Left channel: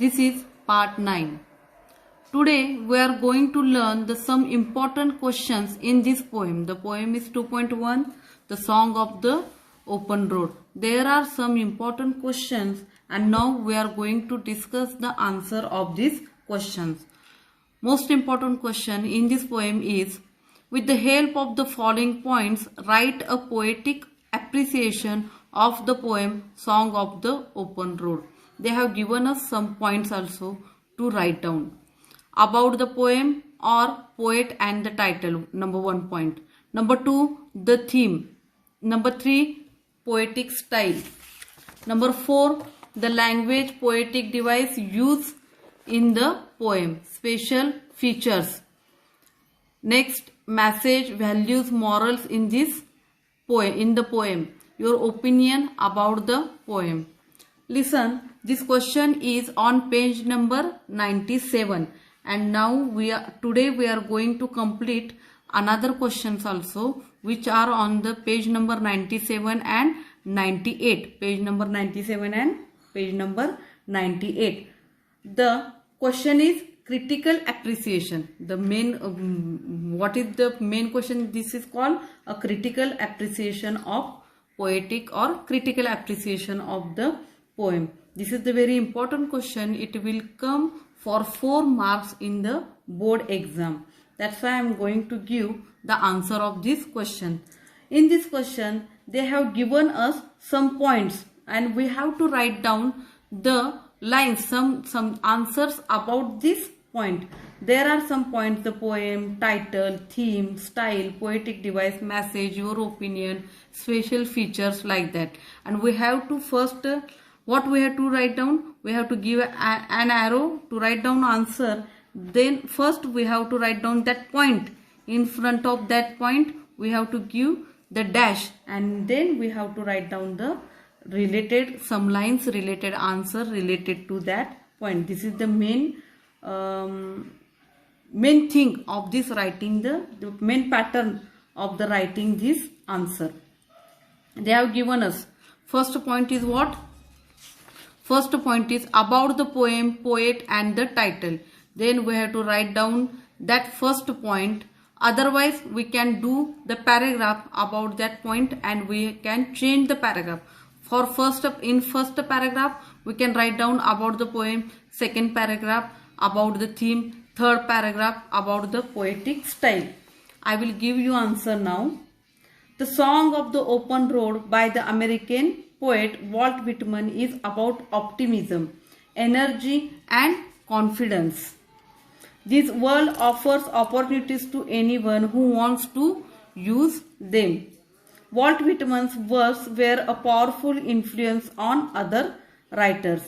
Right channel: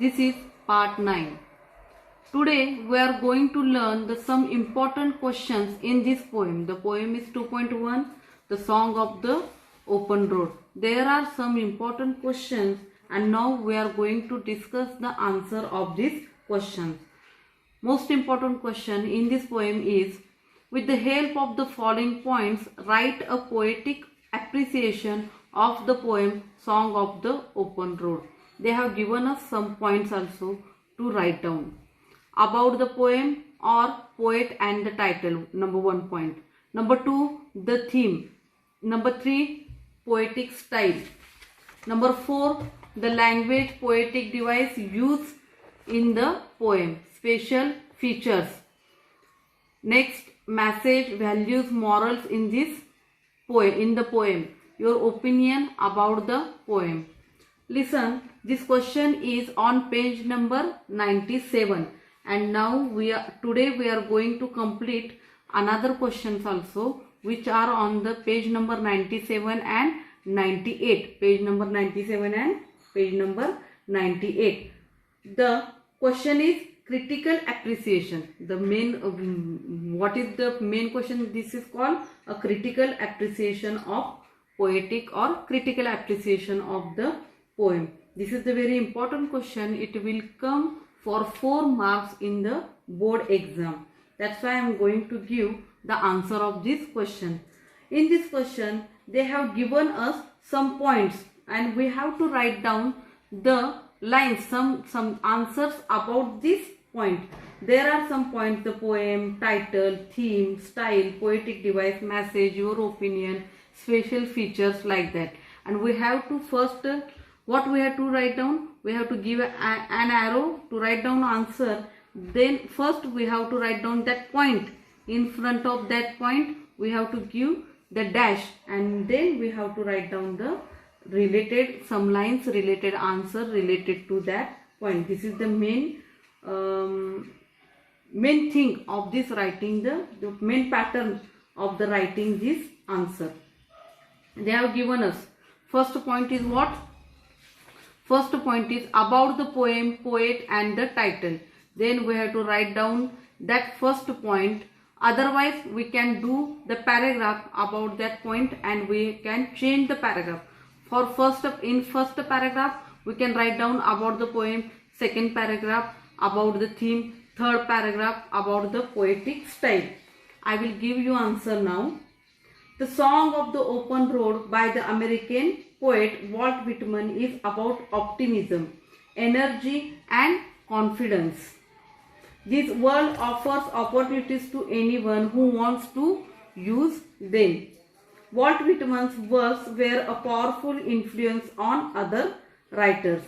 This is part 9. Today we are going to learn some important questions in this poem. The poem is 2.1, The Song of the Open Road. There are some important questions and now we are going to discuss the answer of these questions. Most important question in this poem is, with the help of the following points, write a poetic appreciation of the poem Song of the Open Road. They have given us some points also to write down. About the poem or poet and the title, number 1 point. Number 2, the theme. Number 3, poetic style. Number 4, the language poetic device used in the poem. Special features. Next, message, values, morals in this poem. In the poem, your opinion about the poem. Listen, this question is on page number 97, and now today we are going to complete another questions also which are on the page number 97 and 98. Page number 97 and page number 98. The question is critical appreciation. The main what is the main question? This is called a critical appreciation of poetic or critical appreciation of the poem. This is the very important question. It will come for 4 marks in the board exam. That's why I am going to give the answer of this question. In this question, they have given us some points and we have to write down the lines, some answers about this point. There are some points: the poem, title, theme, style, poetic device, message, your opinion, special features, like that. And we have to first, what we have to write down? We have to give an arrow to write down answer. Then first we have to write down that point. In front of that point we have to give the dash, and then we have to write down the related, some lines, related answer related to that point. This is the main thing of this writing, the main pattern of the writing this answer. They have given us, first point is what? First point is about the poem, poet and the title. Then we have to write down that first point. Otherwise we can do the paragraph about that point and we can change the paragraph. For first paragraph we can write down about the poem, second paragraph about the theme, third paragraph about the poetic style. I will give you answer now. The Song of the Open Road by the American poet Walt Whitman is about optimism, energy and confidence. This world offers opportunities to anyone who wants to use them. Walt Whitman's works were a powerful influence on other writers.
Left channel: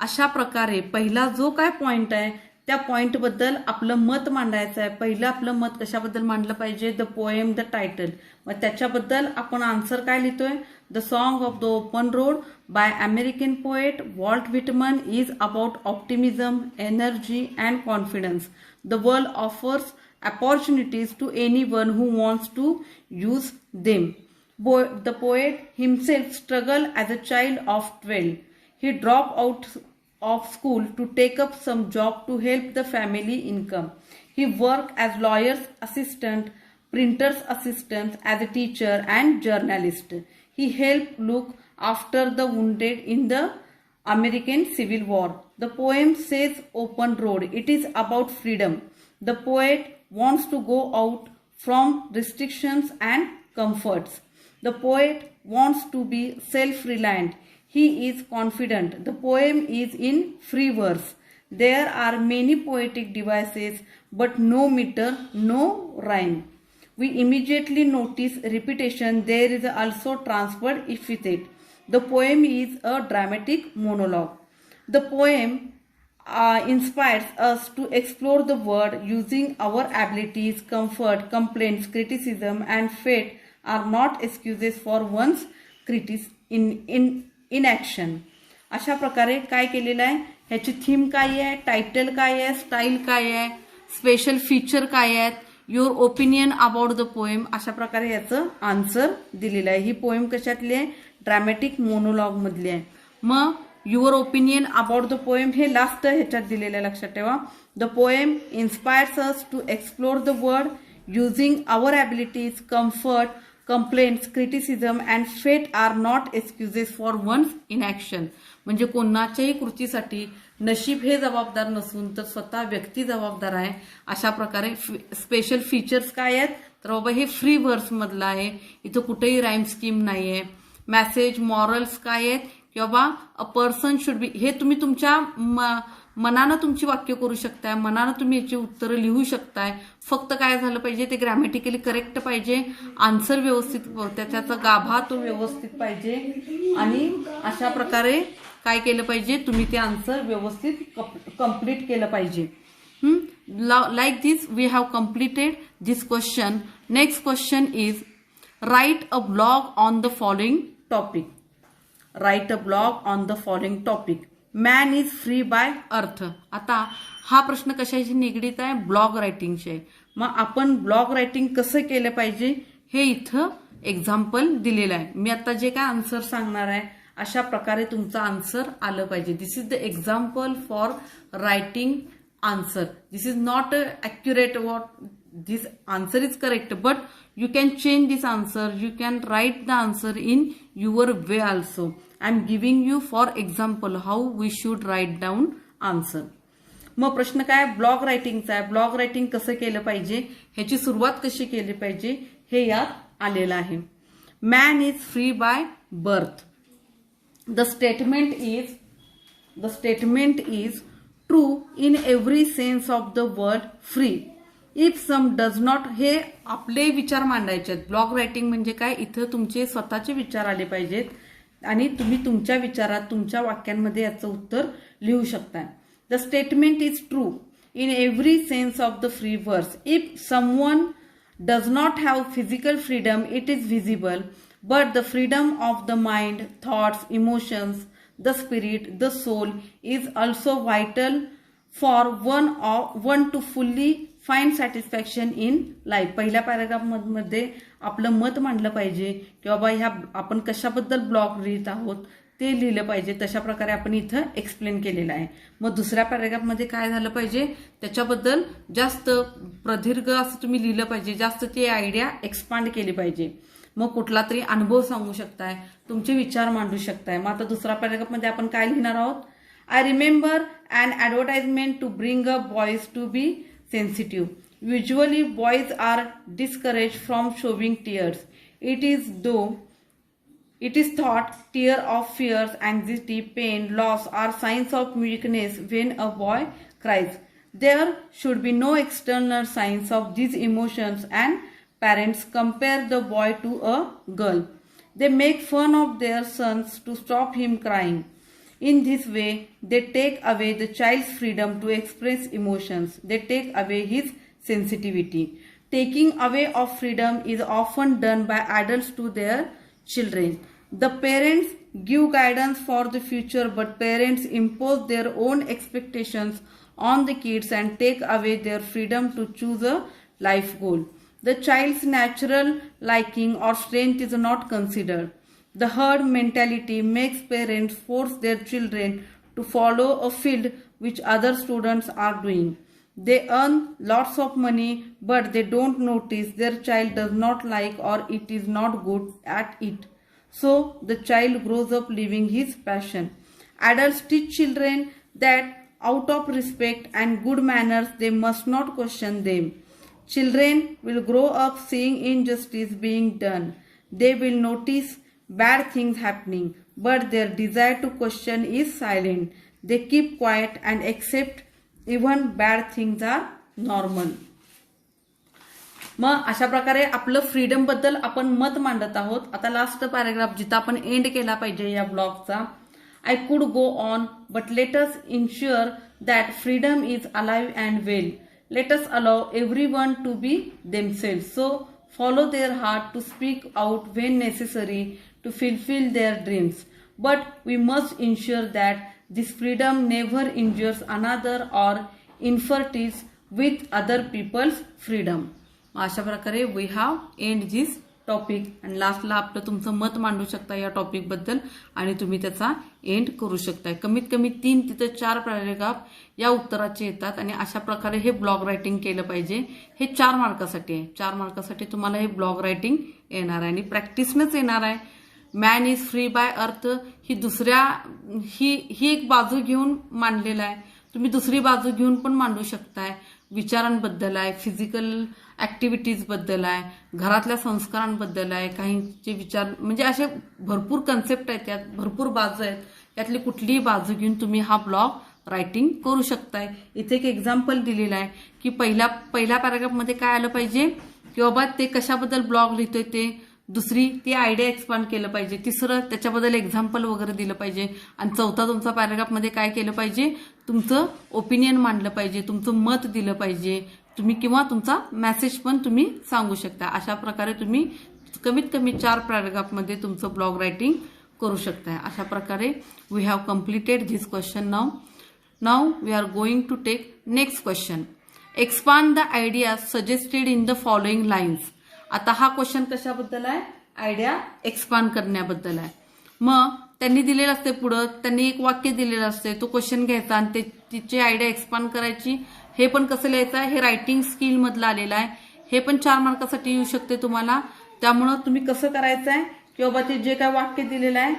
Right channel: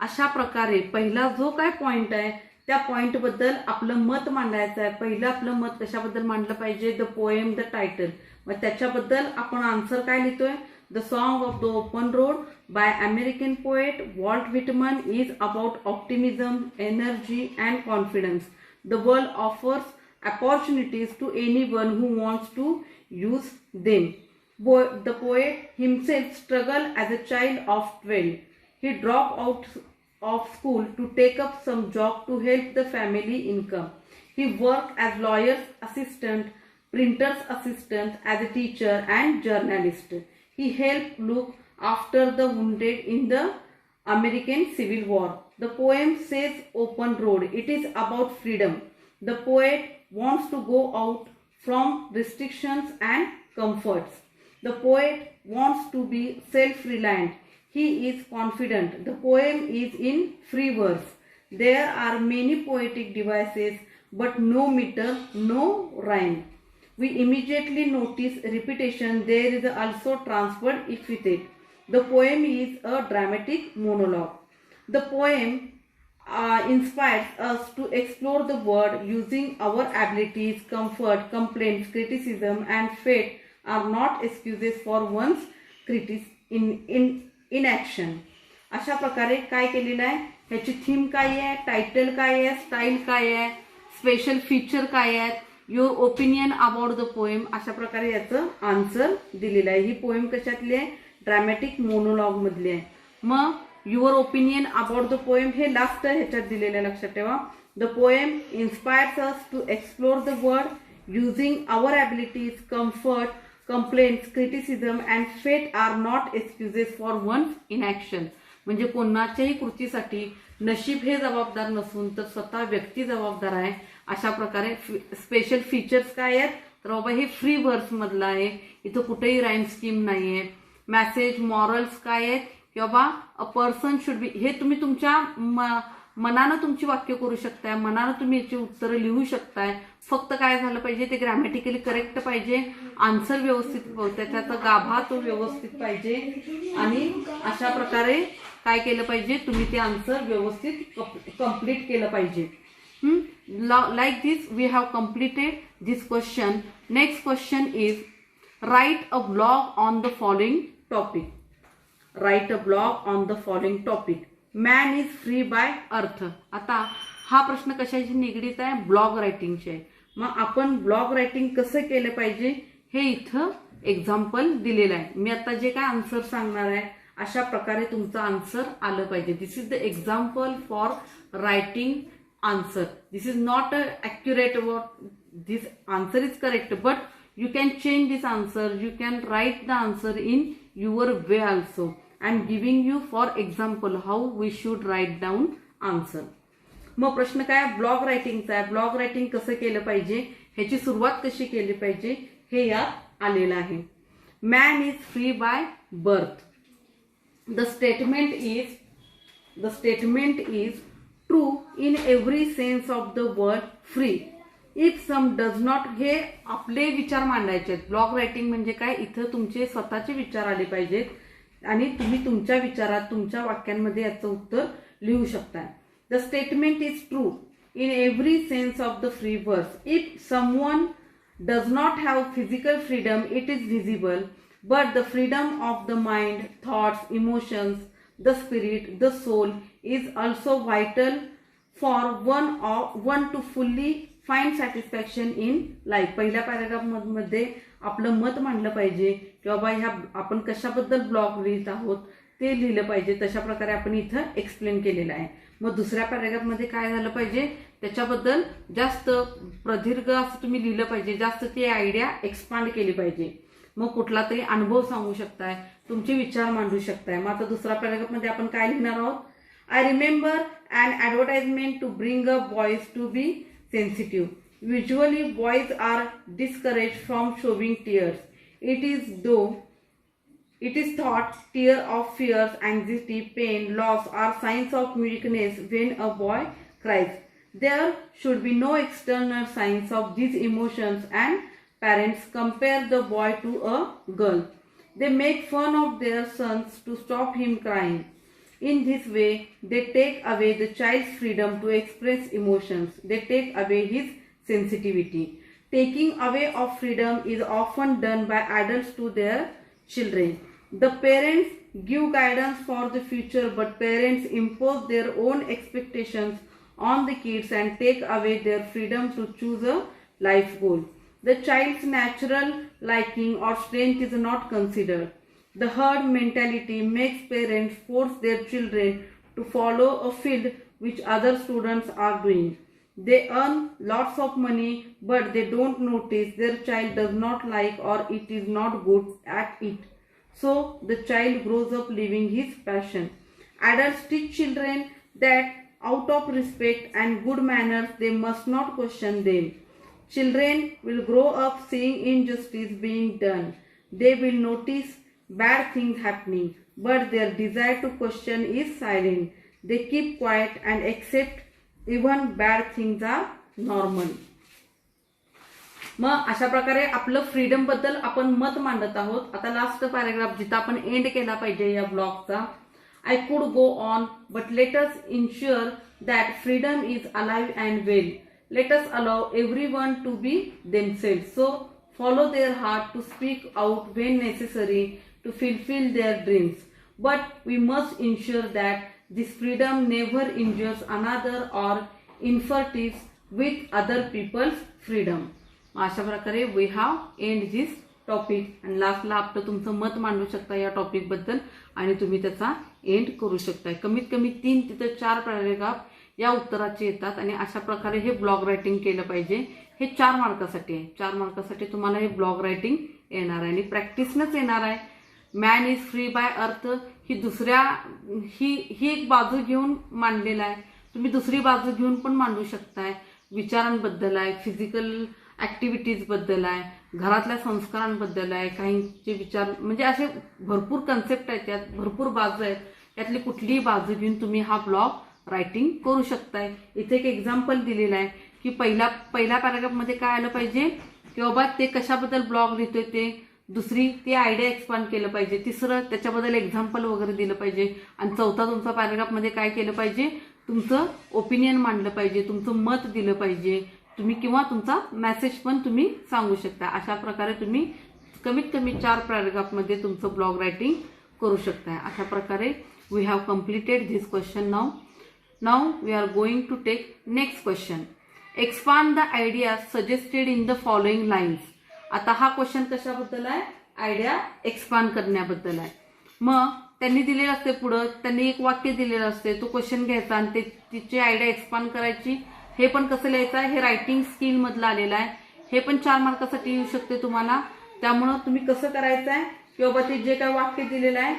अशा प्रकारे पहिला जो काय point आहे त्या point बद्दल आपलं मत मांडायचं आहे. पहिलं आपलं मत कशाबद्दल मांडलं पाहिजे? The poem, the title. मग त्याच्याबद्दल आपण आन्सर काय लिहितोय? The song of the open road by American poet Walt Whitman is about optimism, energy and confidence. The world offers opportunities to anyone who wants to use them. The poet himself struggled as a child of 12. He dropped out of school to take up some job to help the family income. He worked as lawyer's assistant, printer's assistant, as a teacher and journalist. He helped look after the wounded in the American Civil War. The poem says open road. It is about freedom. The poet wants to go out from restrictions and comforts. The poet wants to be self-reliant. He is confident. The poem is in free verse. There are many poetic devices, but no meter, no rhyme. We immediately notice repetition. There is also transferred epithet. The poem is a dramatic monologue. The poem inspires us to explore the world using our abilities. Comfort, complaints, criticism and fate are not excuses for one's inaction. अशा प्रकारे काय केलेलं आहे? ह्याची theme काय आहे, title काय आहे, स्टाईल काय आहे, स्पेशल फीचर काय आहेत, your opinion about the poem, अशा प्रकारे याचं आन्सर दिलेलं आहे. ही पोएम कशातली आहे? ड्रॅमॅटिक मोनोलॉग मधली आहे. मग your opinion about the poem हे लास्ट ह्याच्यात दिलेलं लक्षात ठेवा. The poem inspires us to explore the world using our abilities. Comfort, complaints, criticism and fate are not excuses for one's inaction. म्हणजे कोणाच्याही कृतीसाठी नशीब हे जबाबदार नसून तर स्वतः व्यक्ती जबाबदार आहे. अशा प्रकारे स्पेशल फीचर्स काय आहेत तर बाबा हे फ्री वर्स मधलं आहे, इथं कुठेही राईम स्कीम नाहीये. मॅसेज, मॉरल्स काय आहेत की बाबा अ पर्सन शुड बी, हे तुम्ही तुमच्या मनानं तुमची वाक्य करू शकताय, मनानं तुम्ही याची उत्तरं लिहू शकताय. फक्त काय झालं पाहिजे ते ग्रॅमॅटिकली करेक्ट पाहिजे, आन्सर व्यवस्थित, त्याचा गाभा तो व्यवस्थित पाहिजे आणि अशा प्रकारे काय केलं पाहिजे तुम्ही ते आन्सर व्यवस्थित कंप्लीट केलं पाहिजे. Like this we have completed this question. Next question is write a blog on the following topic. Write a blog on the following topic. Man is free by earth. आता हा प्रश्न कशाशी निगडीत आहे? Blog रायटिंगशी आहे. मग आपण ब्लॉग रायटिंग कसं केलं पाहिजे हे इथं एक्झाम्पल दिलेलं आहे. मी आता जे काय आन्सर सांगणार आहे अशा प्रकारे तुमचं आन्सर आलं पाहिजे. This is the example for writing answer. This is not accurate what this answer is correct, but you can change this answer. You can write the answer in your way also. I am giving you for example how we should write down answer. मग प्रश्न काय blog रायटिंगचा आहे. Blog writing कसं केलं पाहिजे, ह्याची सुरुवात कशी केली पाहिजे हे यात आलेलं आहे. Man is free by birth. The statement is true in every sense of the word free. If some does not, हे आपले विचार मांडायचे आहेत. ब्लॉग रायटिंग म्हणजे काय, इथं तुमचे स्वतःचे विचार आले पाहिजेत आणि तुम्ही तुमच्या विचारात तुमच्या वाक्यांमध्ये याचं उत्तर लिहू शकता. The statement is true in every sense of the free verse. If someone does not have physical freedom, it is visible, but the freedom of the mind, thoughts, emotions, the spirit, the soul is also vital for one to fully find satisfaction in life. पहिल्या paragraph मध्ये आपलं मत मांडलं पाहिजे की बाबा ह्या आपण कशाबद्दल ब्लॉग लिहित आहोत ते लिहिलं पाहिजे. तशा प्रकारे आपण इथं एक्सप्लेन केलेलं आहे. मग दुसऱ्या पॅराग्राफ मध्ये काय झालं पाहिजे त्याच्याबद्दल जास्त प्रदीर्घ असं तुम्ही लिहिलं पाहिजे, जास्त ती आयडिया एक्सपांड केली पाहिजे. मग कुठला तरी अनुभव सांगू शकताय, तुमचे विचार मांडू शकताय. मग आता दुसऱ्या पॅराग्राफ मध्ये आपण काय लिहिणार आहोत. I remember an advertisement to bring a boys to be sensitive. Usually boys are discourage from showing tears. It is thought tear of fears, anxiety, pain, loss are signs of weakness when a boy cries. There should be no external signs of these emotions and parents compare the boy to a girl. They make fun of their sons to stop him crying. In this way, they take away the child's freedom to express emotions. They take away his sensitivity. Taking away of freedom is often done by adults to their children. The parents give guidance for the future, but parents impose their own expectations on the kids and take away their freedom to choose a life goal. The child's natural liking or strength is not considered. The herd mentality makes parents force their children to follow a field which other students are doing. They earn lots of money, but they don't notice their child does not like or it is not good at it. So the child grows up leaving his passion. Adults teach children that out of respect and good manners they must not question them. Children will grow up seeing injustice being done. They will notice bad things happening, but their desire to question is silent. They keep quiet and accept even bad things are normal. मग अशा प्रकारे आपलं freedom बद्दल आपण मत मांडत आहोत. आता लास्ट पॅराग्राफ जिथं आपण एंड केला पाहिजे या ब्लॉगचा. I could go on but let us ensure that freedom is alive and well. Let us allow everyone to be themselves. So follow their heart to speak out when necessary to fulfill their dreams. But we must ensure that this freedom never injures another or interferes with other people's freedom. अशा प्रकारे we have end this topic आणि लास्टला आपलं तुमचं मत मांडू शकता या टॉपिक बद्दल आणि तुम्ही त्याचा एंड करू शकताय. कमीत कमी 3 तिथं 4 पॅरेग्राफ या उत्तराचे येतात आणि अशा प्रकारे हे ब्लॉग रायटिंग केलं पाहिजे. हे 4 मार्कासाठी आहे. 4 मार्कासाठी तुम्हाला हे ब्लॉग रायटिंग येणार आहे आणि प्रॅक्टिसनंच येणार आहे. मॅन इज फ्री बाय अर्थ ही एक बाजू घेऊन मांडलेला आहे. तुम्ही दुसरी बाजू घेऊन पण मांडू शकताय. विचारांबद्दल आहे, फिजिकल ऍक्टिव्हिटीज बद्दल आहे, घरातल्या संस्कारांबद्दल आहे, काहींचे विचार म्हणजे असे भरपूर कन्सेप्ट आहेत, त्यात भरपूर बाजू आहेत. त्यातली कुठलीही बाजू घेऊन तुम्ही हा ब्लॉग रायटिंग करू शकताय. इथे एक एक्झाम्पल दिलेलं आहे की पहिल्या पॅराग्राफमध्ये काय आलं पाहिजे की बाबा ते कशाबद्दल ब्लॉग लिहितोय ते, दुसरी ती आयडिया एक्सपांड केलं पाहिजे, तिसरं त्याच्याबद्दल एक्झाम्पल वगैरे दिलं पाहिजे आणि चौथा तुमचा पॅराग्राफमध्ये काय केलं पाहिजे, तुमचं ओपिनियन मांडलं पाहिजे, तुमचं मत दिलं पाहिजे तुम्ही किंवा तुमचा मेसेज पण तुम्ही सांगू शकता. अशा प्रकारे तुम्ही कमीत कमी 4 पॅराग्राफमध्ये तुमचं ब्लॉग रायटिंग करू शकताय. अशा प्रकारे we have completed this question. Now we are going to take next question. Expand the idea suggested in the following lines. आता हा क्वेश्चन कशाबद्दल आहे, आयडिया एक्सपांड करण्याबद्दल आहे. मग त्यांनी दिलेलं असते पुढं, त्यांनी एक वाक्य दिलेलं असते, तो क्वेश्चन घ्यायचा आणि तिची आयडिया एक्सपांड करायची. हे पण कसं लिहायचं आहे, हे रायटिंग स्किल मधलं आलेलं आहे. हे पण 4 मार्कासाठी येऊ शकते तुम्हाला. त्यामुळं तुम्ही कसं करायचं आहे की बाबा ते जे काय वाक्य दिलेलं आहे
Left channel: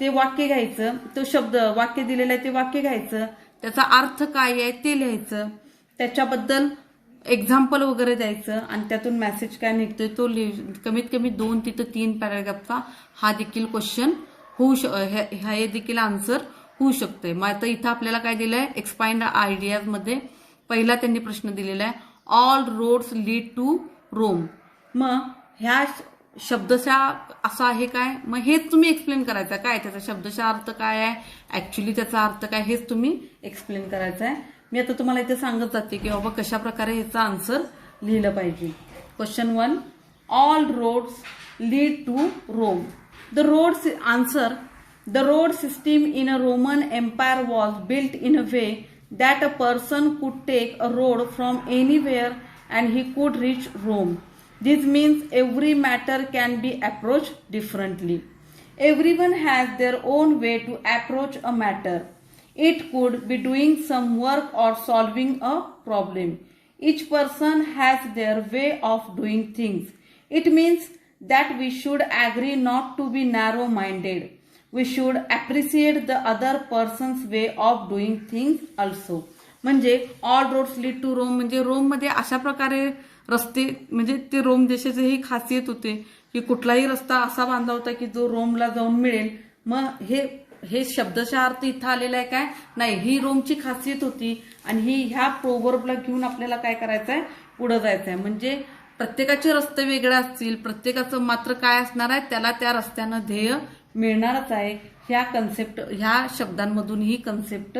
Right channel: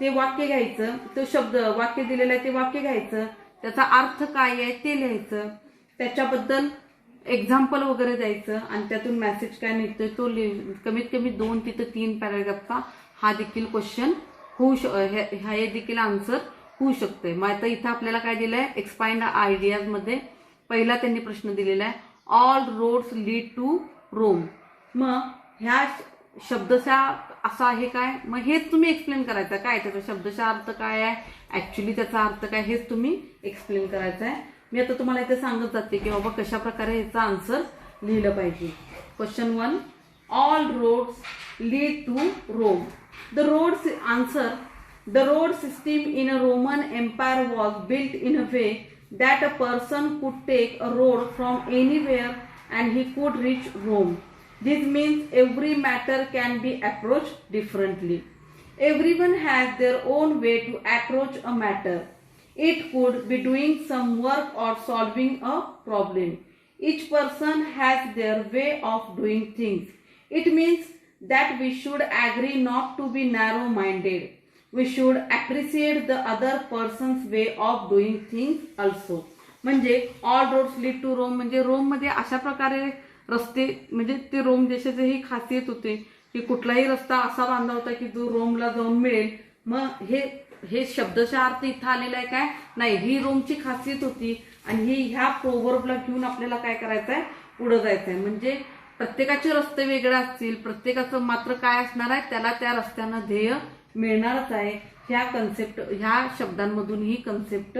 ते वाक्य घ्यायचं, तो शब्द वाक्य दिलेलं आहे ते वाक्य घ्यायचं, त्याचा अर्थ काय आहे ते लिहायचं, त्याच्याबद्दल एक्झाम्पल वगैरे द्यायचं आणि त्यातून मेसेज काय निघतोय तो कमीत कमी 2 तिथं 3 पॅराग्राफचा हा देखील क्वेश्चन हे देखील आन्सर होऊ शकतोय. मग आता इथं आपल्याला काय दिलंय, एक्सपांड आयडियाज मध्ये पहिला त्यांनी प्रश्न दिलेला आहे, all roads lead to Rome. मग ह्या शब्दशः असा आहे काय, मग हेच तुम्ही एक्सप्लेन करायचं काय, त्याचा शब्दशः अर्थ काय आहे, ऍक्च्युली त्याचा अर्थ काय, हेच तुम्ही एक्सप्लेन करायचं आहे. मी आता तुम्हाला इथे सांगत जाते की बाबा कशा प्रकारे याचा आन्सर लिहिलं पाहिजे. Question 1, all roads lead to Rome. The road system in a Roman Empire was built in a way that a person could take a road from anywhere and he could reach Rome. This means every matter can be approached differently. Everyone has their own way to approach a matter. It could be doing some work or solving a problem. Each person has their way of doing things. It means that we should agree not to be narrow-minded. We should appreciate the other person's way of doing things also. म्हणजे all roads lead to Rome म्हणजे Rome मध्ये अशा प्रकारे रस्ते, म्हणजे ते Rome देशाची ही खासियत होते की कुठलाही रस्ता असा बांधला होता की जो रोमला जाऊन मिळेल. मग हे शब्दशः अर्थ इथं आलेला आहे काय, नाही, ही रोमची खासियत होती आणि ही ह्या प्रोवर्बला घेऊन आपल्याला काय करायचं आहे, पुढे जायचं आहे. म्हणजे प्रत्येकाचे रस्ते वेगळे असतील, प्रत्येकाचं मात्र काय असणार आहे, त्याला त्या रस्त्यानं ध्येय मिळणारच आहे. ह्या शब्दांमधून ही कन्सेप्ट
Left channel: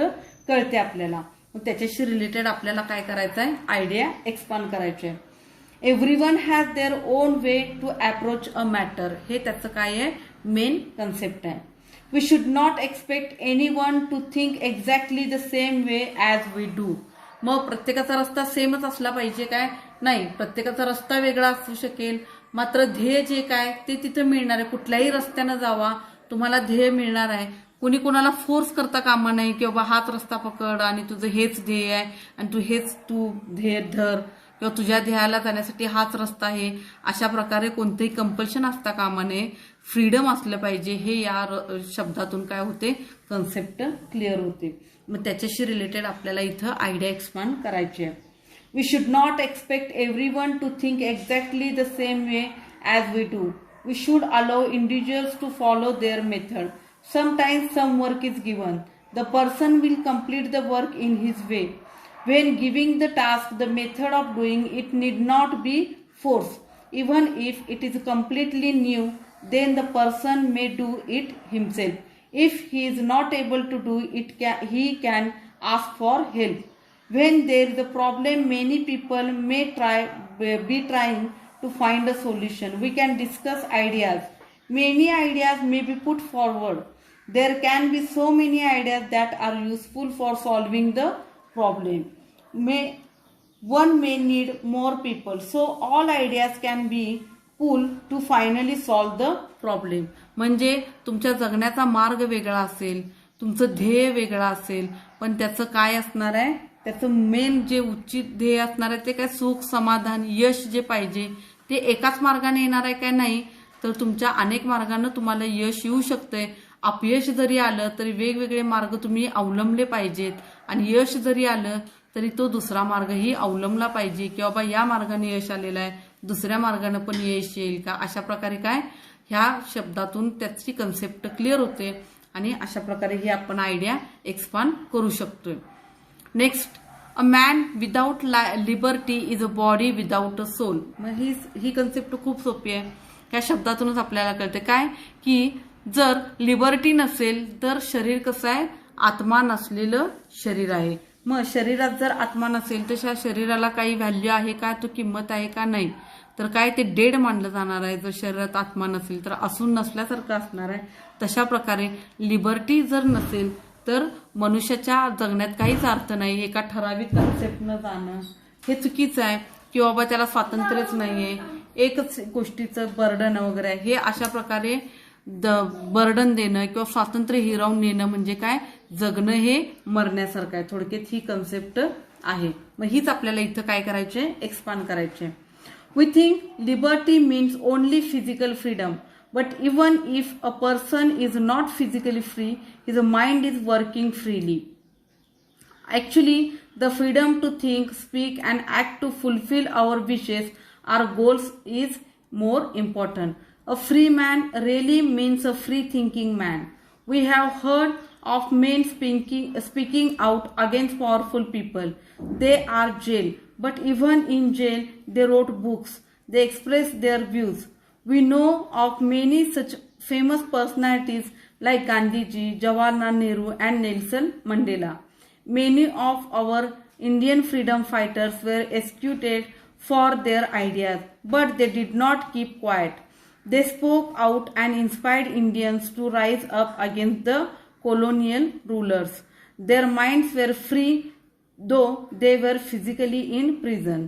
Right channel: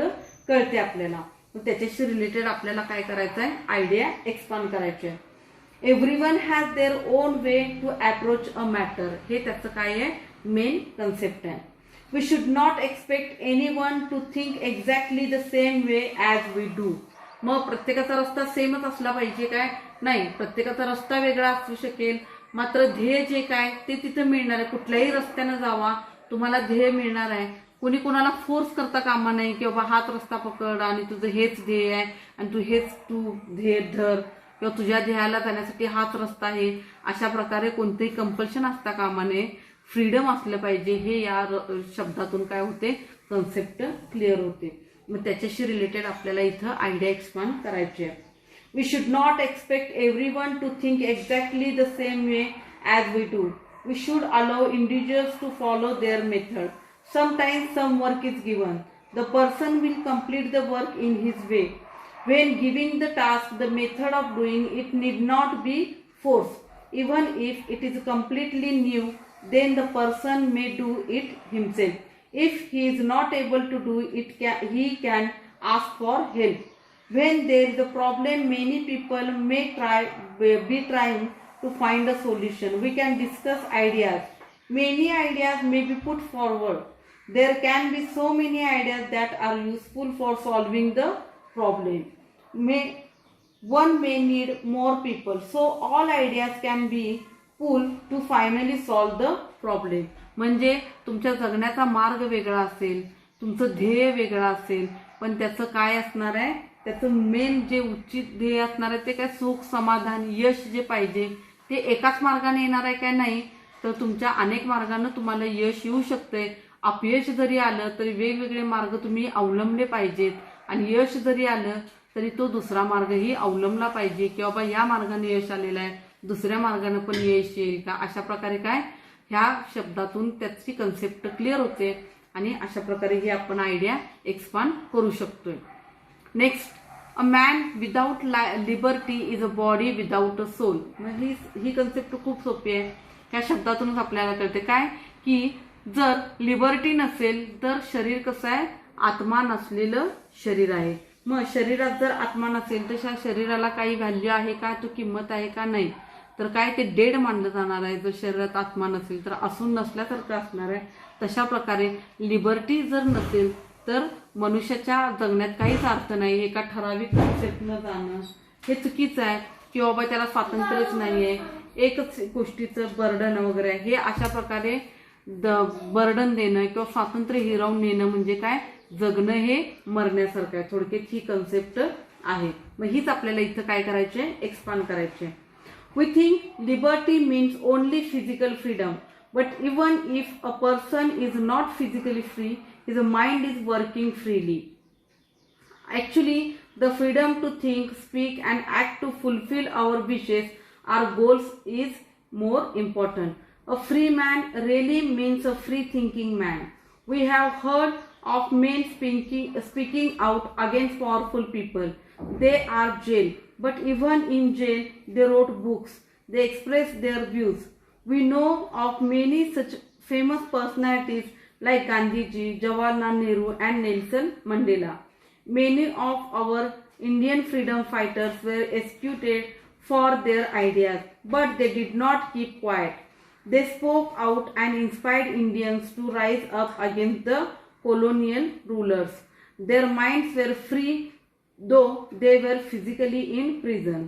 कळते आपल्याला. मग त्याच्याशी रिलेटेड आपल्याला काय करायचं आहे, आयडिया एक्सपांड करायची आहे. Everyone has their own way to approach a matter, हे त्याचं काय आहे, मेन कन्सेप्ट आहे. We should not expect anyone to think exactly the same way as we do. मग प्रत्येकाचा रस्ता सेमच असला पाहिजे काय, नाही, प्रत्येकाचा रस्ता वेगळा असू शकेल, मात्र ध्येय जे काय ते तिथं मिळणार आहे. कुठल्याही रस्त्यानं जावा, तुम्हाला ध्येय मिळणार आहे. कुणी कुणाला फोर्स करता कामा नाही की बाबा हाच रस्ता पकड आणि तुझं हेच ध्येय आहे आणि तू ध्येय धर किंवा तुझ्या ध्येयाला जाण्यासाठी हाच रस्ता आहे, अशा प्रकारे कोणतेही कंपल्शन असता कामा नये. फ्रीडम असलं पाहिजे, हे या शब्दातून काय होते, कन्सेप्ट क्लिअर होते. मग त्याच्याशी रिलेटेड आपल्याला इथं आयडिया एक्सपांड करायची आहे. We should not expect everyone to think exactly the same way as we do. We should allow individuals to follow their method. Sometimes some work is given. The person will complete the work in his way. When giving the task, the method of doing it need not be forced. Even if it is completely new, then the person may do it himself. If he is not able to do it, he can ask for help. When there is a problem, many people may be trying to find a solution. We can discuss ideas. Many ideas may be put forward. There can be so many ideas that are useful for solving the problem. One may need more people, so all ideas can be pull to finally solve the problem. म्हणजे तुमच्या जगण्याचा मार्ग वेगळा असेल, तुमचं ध्येय वेगळं असेल, पण त्याचं काय असणार आहे, त्याचं मेन जे उचित ध्येय असणार आहे ते काय, सुख, समाधान, यश जे पाहिजे ते एकाच मार्गाने येणार आहे काय, नाही तर तुमच्या अनेक मार्गाने तुम्हाला यश येऊ शकतंय. अपयश जरी आलं तरी वेगवेगळे मार्ग तुम्ही अवलंबले पाहिजेत, आणि यश जरी आलं तरी तो दुसरा मार्गही अवलंबला पाहिजे, की बाबा या मार्गाने यश आलेलं आहे, दुसऱ्या मार्गाने पण यश येईल का. अशा प्रकारे काय, ह्या शब्दातून त्याची कन्सेप्ट क्लिअर होते, आणि अशा प्रकारे ही आपण आयडिया एक्सपांड करू शकतोय. Next, a man without liberty is a body without a soul. ही कन्सेप्ट खूप सोपी आहे. ह्या शब्दातूनच आपल्याला कळते काय, की जर लिबर्टी नसेल तर शरीर कसं आहे, आत्मा नसलेलं शरीर आहे. मग शरीरात जर आत्मा नसेल तर त्या शरीराला काही व्हॅल्यू आहे का, तो किंमत आहे का, नाही तर काय ते डेड मानलं जाणार आहे. जर शरीरात आत्मा नसेल तर असून नसल्यासारखं असणार आहे. तशा प्रकारे लिबर्टी जर नसेल तर मनुष्याच्या जगण्यात काहीच अर्थ नाही. एका ठराविक कन्सेप्टनं जाणं हे चुकीचं आहे, की बाबा त्याला स्वातंत्र्यच नाहीये, एकच गोष्टीचं बर्डन वगैरे, हे अशा प्रकारे बर्डन देणं किंवा स्वातंत्र्य हिरावून नेणं म्हणजे काय, जगणं हे मरण्यासारखं आहे. थोडक्यात ही कन्सेप्ट आहे. मग हीच आपल्याला इथं काय करायचे, एक्सपांड करायचे. We think liberty means only physical freedom, but even if a person is not physically free, his mind is working freely. Actually, the freedom to think, speak and act to fulfill our wishes, our goals is more important. A free man really means a free thinking man. We have heard of men speaking out against powerful people. They are jailed. But even in jail, they wrote books. They expressed their views. We know of many such famous personalities like Gandhiji, Jawaharlal Nehru and Nelson Mandela. Many of our Indian freedom fighters were executed for their ideas, but they did not keep quiet. They spoke out and inspired Indians to rise up against the colonial rulers. Their minds were free, though they were physically in prison.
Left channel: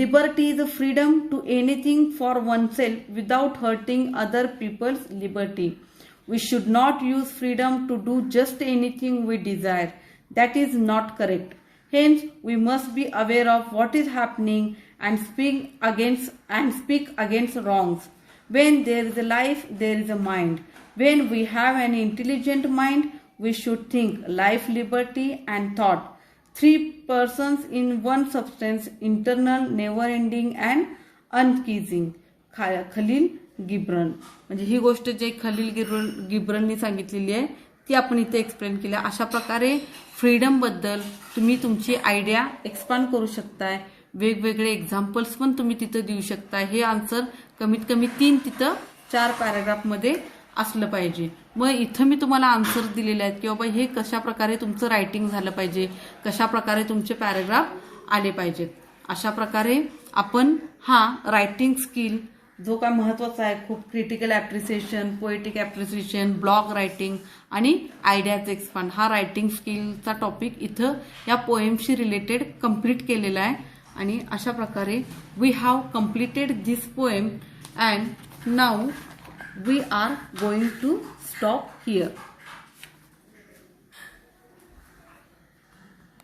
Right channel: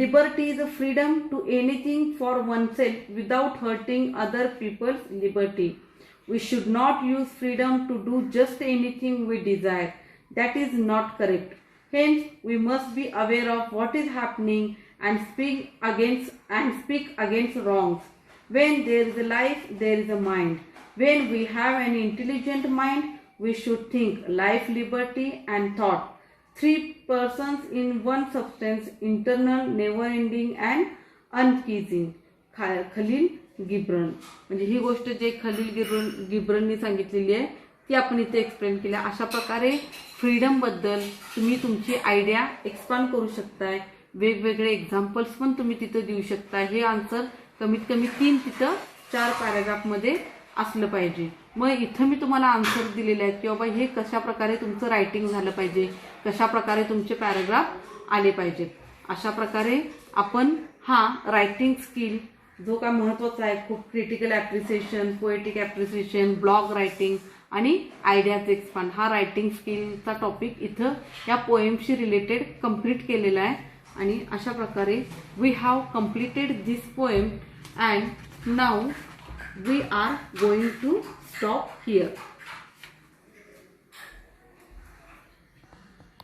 Liberty is a freedom to anything for oneself without hurting other people's liberty. We should not use freedom to do just anything we desire. That is not correct. Hence, we must be aware of what is happening and speak against wrongs. When there is a life, there is a mind. When we have an intelligent mind, we should think life, liberty and thought. Three persons in one substance, internal, never-ending and unceasing. Khalil गिब्रन. म्हणजे ही गोष्ट जे खलील गिब्रननी सांगितलेली आहे ती आपण इथे explain केली. अशा प्रकारे फ्रीडम बद्दल तुम्ही तुमची आयडिया एक्सपांड करू शकताय. वेगवेगळे एक्झाम्पल्स पण तुम्ही तिथं देऊ शकताय. हे आन्सर कमीत कमी 3 तिथं 4 पॅराग्राफमध्ये असलं पाहिजे. मग इथं मी तुम्हाला आन्सर दिलेले आहेत की बाबा हे कशा प्रकारे तुमचं रायटिंग झालं पाहिजे, कशा प्रकारे तुमचे पॅराग्राफ आले पाहिजेत. अशा प्रकारे आपण हा रायटिंग स्किल जो काय महत्त्वाचा आहे, खूप critical appreciation, poetic appreciation, blog writing आणि आयडियाज एक्सपांड, हा रायटिंग स्किलचा टॉपिक इथं या पोएमशी रिलेटेड कंप्लीट केलेला आहे. आणि अशा प्रकारे we have completed this poem and now we are going to stop here.